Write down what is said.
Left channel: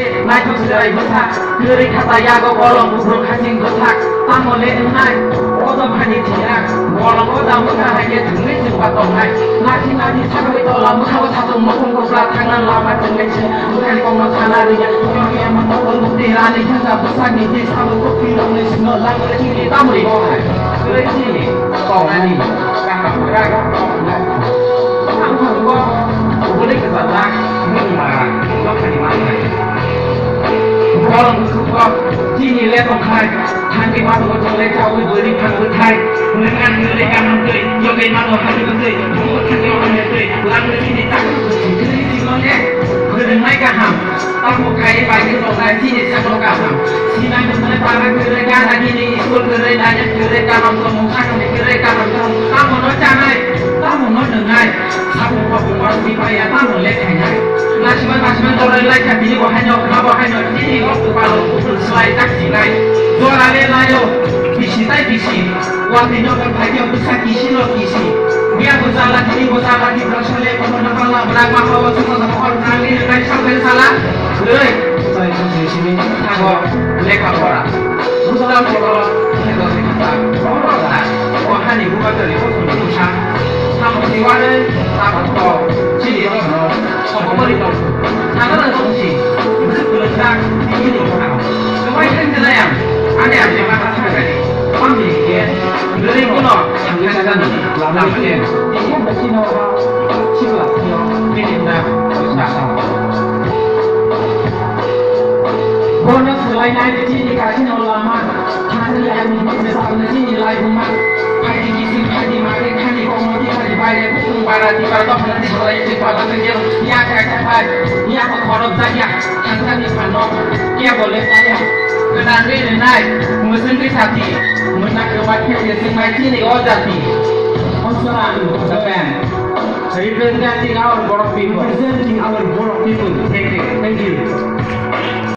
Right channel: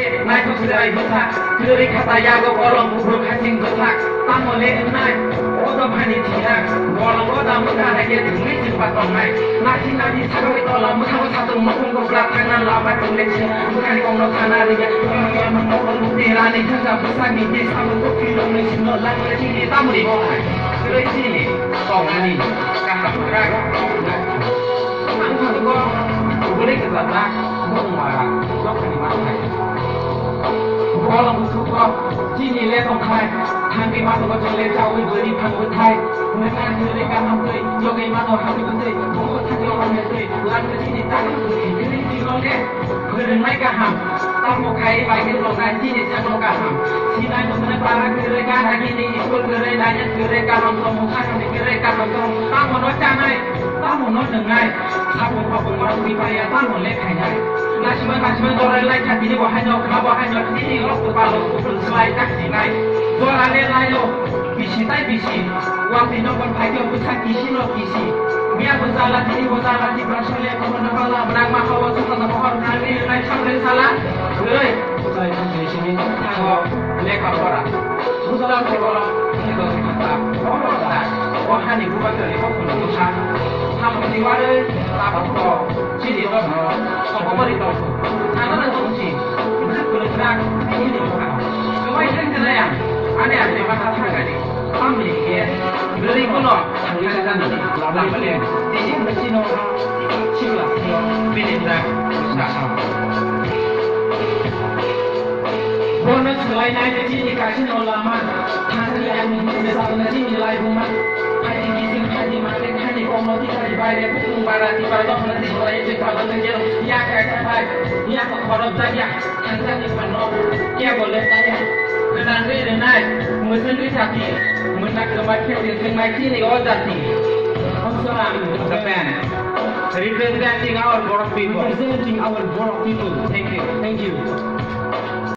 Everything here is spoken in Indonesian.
naik serai besak, kiri kata yago kolong bubur kacing besak, tamole unai, odo bani tidak, kolong odo muka lagi jengli simpat tongai, nasi cabai tola muka satu mukung kobra tangan lama jengli bukan di konglo sanarinya, yang mengobrol mukti rani juga besar di desa kopi lagi semua lagi sini tamu di bawah, serai sini, tongani, kakak beragam, angkat gua, boleh kesalah, mengarah, gua kali mana? Orang suka kini lihat orang Hanti masuk ke dalam jauh beri panggung Thai dengan mereka nanti joget nama hari nanti mungkin nanti orang nanti lalu sini tak kiri sini kerenai kaham tamu kaya bagi orang sini sama kaham sini mana para kerja lagi ni ikut kerja aja kerja orang semua kerja orang semua tamu no jangan tamu no dengai tamu kau baru dibayar tamu lekanya nasi orang lain kan ini wahanya ini waktu kalau selai tak silai orang lain ayo bisi tai bisi waktu itu kan kaya besar kisi lo kisi biar bersalah jadi bersalah di bersalah kalau masalah berapa hawa semua sama orang kali lain salah boleh saya di sini aku leka orang bukan kalau itu kita orang lah wahani bukan dari orang susah kamu di mana kamu kok jadi orang kamu mau itu tangan东西不是不能打第一种打我一看就那样俺俩这把他看看你放你一边你这不能看看看你哪不点你现在进到他去不了毕竟呢下上我那此外那的经理改成了嘛他是来你这上的经理来不嘛看你一生看你妈的看你光毛的看你白的不白的你白到可能你说一句话都能接了你呀改改白你呀ขอรับใจ呀ทั้งท่านที่ผ่านน้องแก้บเลยไป呀กระดานด้วยนายมือซึ่งที่สักทีมือนักเกี่ยวกับเพื่อนซึ่งนายที่นี่ก็จะตีAssalamualaikum Japan representing our broad people